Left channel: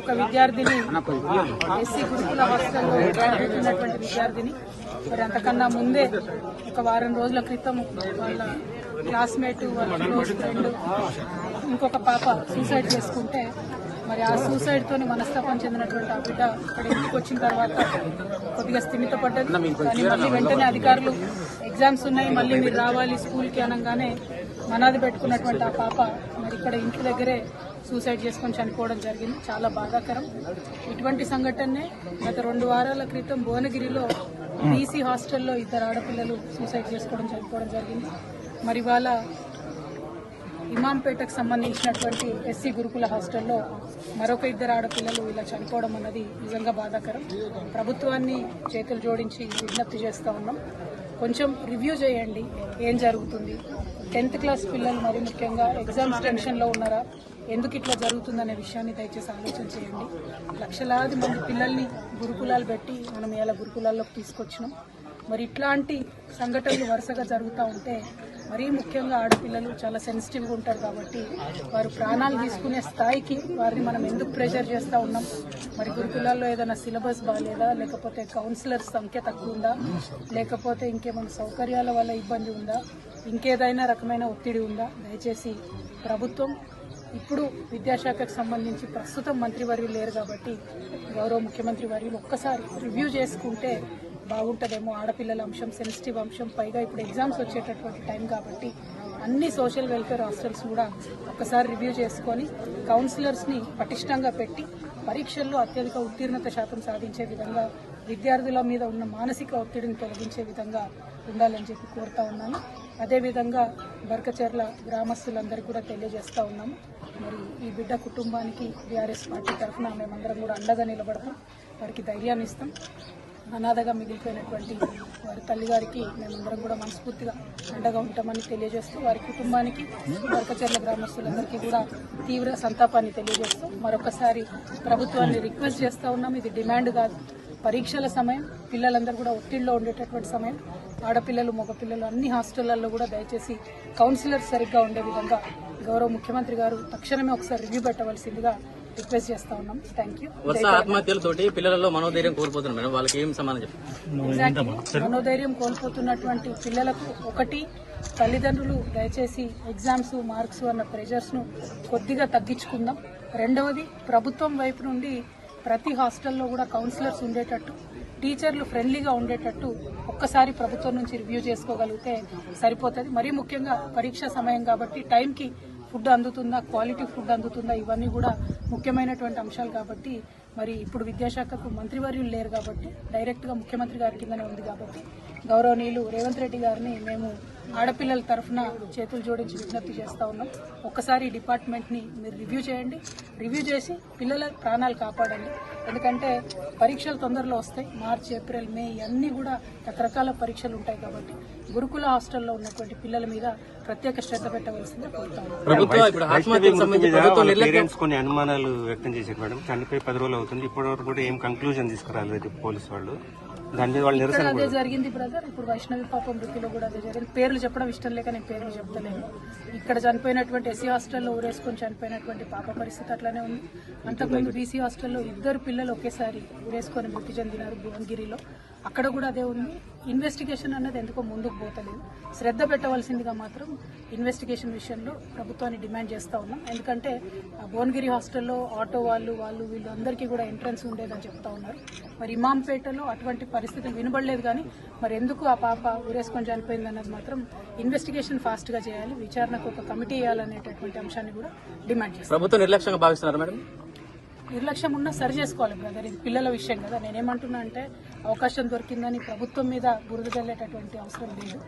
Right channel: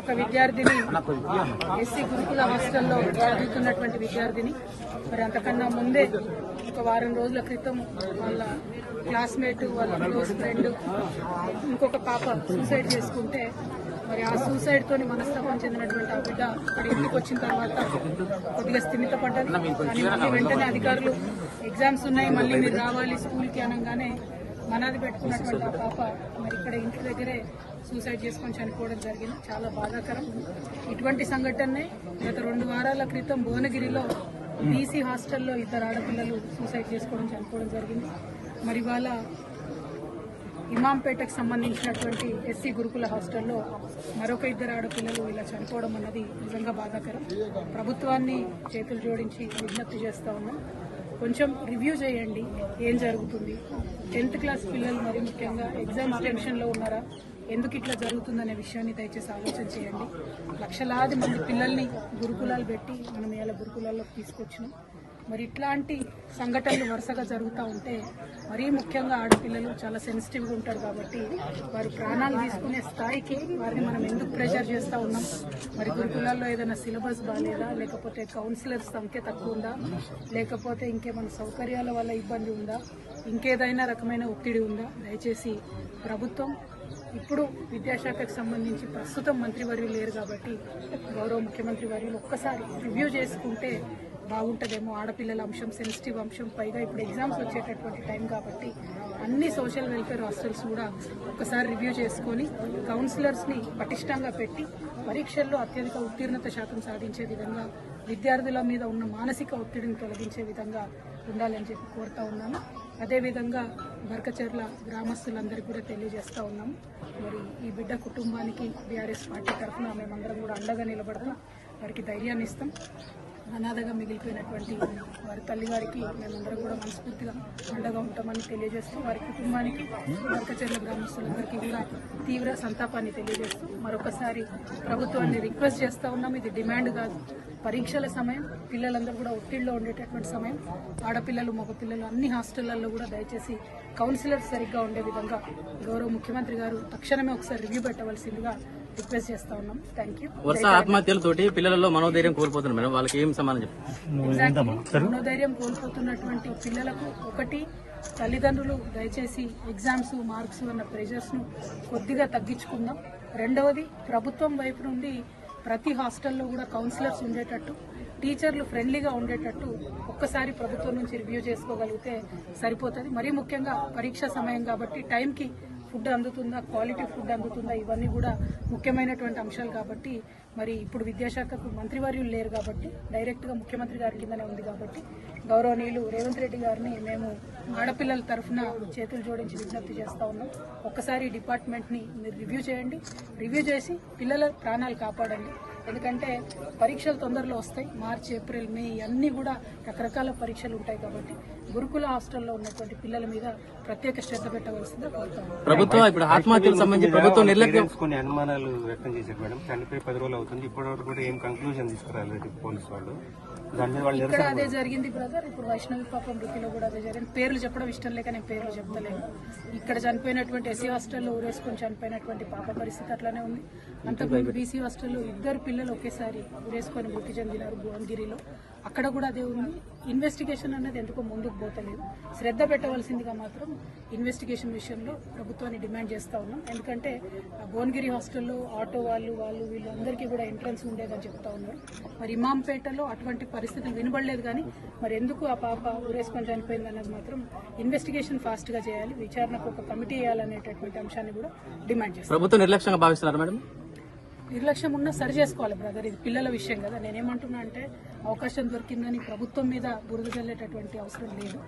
ఒక విద్యార్థిని ఎస్సీ గురుకుల హాస్టల్లో చదువుతున్నటువంటి విద్యార్థిని మరి అంతకన్నా ముందే ఒక వారం రోజుల క్రితం వాళ్ళ క్లాస్మేట్ వాళ్ళ క్లోజ్ ఫ్రెండ్ ఇంకొక పాప సూసైడ్ చేసుకుంటే మరి ఆ సూసైడ్తో మనస్తాపం చెందినటువంటి ఆ బిడ్డ ఇక్కడ ఇంటికి వచ్చిన తర్వాత కొద్దిగా స్థిమితపడ్డది. కానీ మళ్ళీ వెంటనే అధికారులు ఎగ్జామ్స్ ఉన్నాయి మళ్ళీ మీరు రావాలి స్కూల్కి అనగానే మనాది పెట్టుకున్నటువంటి ఆ పాప మరి ఇక్కడ ఇంటి దగ్గరే సూసైడ్ చేసుకొని చనిపోవడం జరిగింది. చాలా బాధాకరం. ఇటువంటి సంఘటనే గత 2 వారాల క్రితం భువనగిరిలో బీసీ హాస్టల్లో 2 ఆడపిల్లలు సూసైడ్ చేసుకోవడం చనిపోవడం జరిగింది. మరి వాళ్ళ ఇమాంపేటకు సంబంధించినటువంటి ఎస్సీ గురుకుల హాస్టల్లో మరొక 2 ఆడపిల్లలు ఇలా చనిపోవడం అన్నది నిజంగా బాధాకరం. ప్రభుత్వాన్ని చేతులు జోడించి విజ్ఞప్తి చేస్తూ ఉన్నాం, కొంచెం రివ్యూ చేయండి ఏం జరుగుతుంది. 10th క్లాస్ పిల్లలు మరి ముఖ్యంగా ఎగ్జామ్స్ టెన్షన్లో ఉన్నారా, ఎందుకు ఇట్లా జరుగుతుందనే విషయాన్ని దయచేసి ఆలోచన చేయండి. లక్షలాది మంది పిల్లల్ని గురుకులాలు పెట్టి మనం ఇలా గురుకులాల్లోకి తీసుకొచ్చినాం. మరి ఇట్లాంటి సంఘటనలు వరుసగా జరుగుతూ ఉంటే మరీ ముఖ్యంగా ఆడపిల్లలు చాలా సెన్సిటివ్గా ఉంటారు కాబట్టి వారు ప్రాణాలు తీసుకునే స్థాయికి వారిని మనం ఎందుకు ప్రెషర్ చేస్తూ ఉన్నాం. మరి గురుకులాల్లో ఏదైనా సిలబస్ బాగాలేదా, లేకపోతే కౌన్సిలర్స్ సంఖ్య తక్కువ ఉందా, లేకపోతే ఇంకేమైనా సౌకర్యాల వల్ల ఇబ్బంది ఉందా, ఇంకేదైనా రకమైన ఒత్తిడి ఉందా. దయచేసి ప్రభుత్వం ఇప్పుడు విద్యాశాఖకు సంబంధించి ప్రస్తుతం మంత్రివర్యులు లేరు కాబట్టి గౌరవ ముఖ్యమంత్రి వర్యులు ఒక్కసారి రివ్యూ చేసుకుంటే బాగుంటుందేమో. ఆడపిల్లల అంశం సెన్సిటివ్ అంశం, పైగా ఇప్పుడు ఎగ్జామ్స్ వచ్చేటటువంటి టైం కాబట్టి అన్ని సోషల్ వెల్ఫేర్ హాస్టల్స్ కూడా ఒక్కసారి రివ్యూ చేసుకొని కౌన్సిలర్స్ని పటిష్టంగా పెట్టి పరీక్షల్లో అత్యధిక ఉత్తీర్ణత శాతం సాధించే విధంగా విద్యార్థుల మీద ఉన్న మానసిక ఒత్తిడిని తొలగించే విధంగా ఉండాలని చెప్పి కోరుతా ఉన్నాను. అదేవిధంగా బర్కచెర్ల గ్రామస్తులందరికీ కూడా తెలియజేస్తూ ఉన్నాము, మరి ఈ బిడ్డ కుటుంబానికి బీఆర్ఎస్ పార్టీ తరఫున మేమందరం కూడా అండగా నిలబడతాం, వారికి ధైర్యాన్ని ఇస్తాం. అనాథగా మిగిలిపోయినటువంటి వారి తల్లిగారికి మేమందరం కూడా మనస్ఫూర్తిగా అండగా ఉంటామని తెలియజేస్తూ వారి కుటుంబానికి బర్కచెర్ల గ్రామస్తులందరికీ కూడా తీవ్ర సంతాపాన్ని తెలియజేస్తూ మరొకసారి ప్రభుత్వాన్ని రిక్వెస్ట్ చేస్తూ ఉన్నాం. ఇది డిమాండ్ కాదు, పరీక్షల సమయం, పిల్లలందరూ కూడా ఒత్తిడిలో ఉండేటటువంటి సమయం. ఆడపిల్లలు మగపిల్లలు అన్ని హాస్టళ్లలో కూడా దయచేసి కౌన్సిలర్స్ సరిగ్గా ఉండే విధంగా గౌరవ ముఖ్యమంత్రి గారు తక్షణమే ఒకసారి రివ్యూ పెట్టవలసిందిగా రిక్వెస్ట్ చేస్తా ఉన్నాం. Thank you. మనోధైర్యం కోల్పోతున్నటువంటి పిల్లలకు ఒకటి, తల్లిదండ్రులు దయచేసి ఎగ్జామ్స్ మార్క్స్ అన్న ప్రెషర్స్ను కొద్దిగా తగ్గించుకుందాం. రెండవది, ప్రభుత్వం వైపు నుండి ప్రతి హాస్టల్లో కూడా కౌన్సిలర్స్ ఉండేటట్టు, టీచర్లు ఫ్రెండ్లీగా ఉండేటట్టు ఒక్కసారి ప్రభుత్వం నుంచి రివ్యూ చేసుకోగలిగితే సరిపోతుంది. మరీ ముఖ్యంగా పరీక్ష సమయం కాబట్టి టైంకి ఫుడ్ అందుతుందా, క్వాలిటీ ఫుడ్ అందుతుందా, ఇవన్నీ కూడా ముఖ్యమైనటువంటి అంశాలు కాబట్టి మరి ఇప్పుడు విద్యాశాఖకు మంత్రివర్యులు లేరు కాబట్టి డైరెక్ట్గా ముఖ్యమంత్రి గారి కిందనే ఉంది కాబట్టి గౌరవనీయులు రేవంత్ రెడ్డి గారిని మేము ఆడపిల్లల తరఫున చేతులు జోడించి విజ్ఞప్తి చేస్తూ ఉన్నాం. ఒక్కసారి ఈ డిపార్ట్మెంట్ని మీరు రివ్యూ చేయండి, రివ్యూ చేసి పిల్లల ప్రాణాలు కాపాడండి. ఎందుకంటే పరీక్షలు తొందరలో వస్తాయి, మార్చి ఏప్రిల్ మే అన్నీ కూడా రకరకాల పరీక్షలు ఉంటాయి కాబట్టి గురుకుల హాస్టల్లో ఉన్నటువంటి పిల్లల మీద ప్రత్యేక శ్రద్ధ పెట్టవలసిందిగా కోరుతా ఉన్నాం. కొన్ని అనుమానాలు వ్యక్తం చేశారు మేడం, చనిపోయి 10 రోజులు అవుతుంది, ఇప్పటివరకు కూడా ఏం కంక్లూజన్ తీసుకురాలేదు పోలీసు వాళ్ళు. ఇక్కడ అదే జరిగింది బ్రదర్. ఇప్పుడు వైష్ణవి పాపం వృత్తిలో కూడా అదే జరిగింది. పేర్లు చెప్పడం ఇష్టం లేక నేను పేర్లు చెప్తలేను. ఇక్కడ చనిపోయినటువంటి ఎస్సీ హాస్టల్లో ఊరేసుకొని చనిపోయినటువంటి పాప పరిస్థితి అట్లానే ఉంది. అంతకుముందు బీసీ హాస్టల్లో 2 పిల్లలు ఒకేసారి ఊరేసుకొని మృతి చెందినారు భువనగిరిలో, అక్కడ కూడా అదే ఉంది. ఇన్వెస్టిగేషన్ అన్నది ఎందుకో ముందుకు పోతలేదు. శ్రద్ధ పెట్టవలసిందిగా మాత్రం ఇన్వెస్టిగేషన్ విషయంలో ప్రభుత్వాన్ని డిమాండ్ చేస్తూ ఉన్నాం. ఎందుకంటే భువనగిరి హాస్టల్లో ఆటో వాళ్ళు వీళ్ళు అందరికీ కూడా ఎంట్రన్స్ ఉండేదని చెప్తా ఉన్నారు. మరి ఇమాంపేటలో అటువంటి పరిస్థితులు వినబడలేదు. కానీ మరి ఎందుకు ఆ పాప ఊరేసుకొని చనిపోయింది అన్నది మాత్రం ఇన్వెస్టిగేషన్ ఫాస్ట్గా చేయాలి, విచారణకు ఒక కమిటీ వేయాలనేటటువంటి అంశాన్ని కూడా డిమాండ్ చేస్తాం. ప్రభుత్వం నిర్లక్ష్యంగా భావిస్తున్నారు మేడం? నిర్లక్ష్యం ఉన్నా సరి చేసుకోవాలి బ్రదర్, ఇది పిల్లల విషయం కదా. నేనేమంటున్నా అంటే అవకాశం దొరికిందని ప్రభుత్వం మీద బురద చల్లేటటువంటి అవసరం లేదు.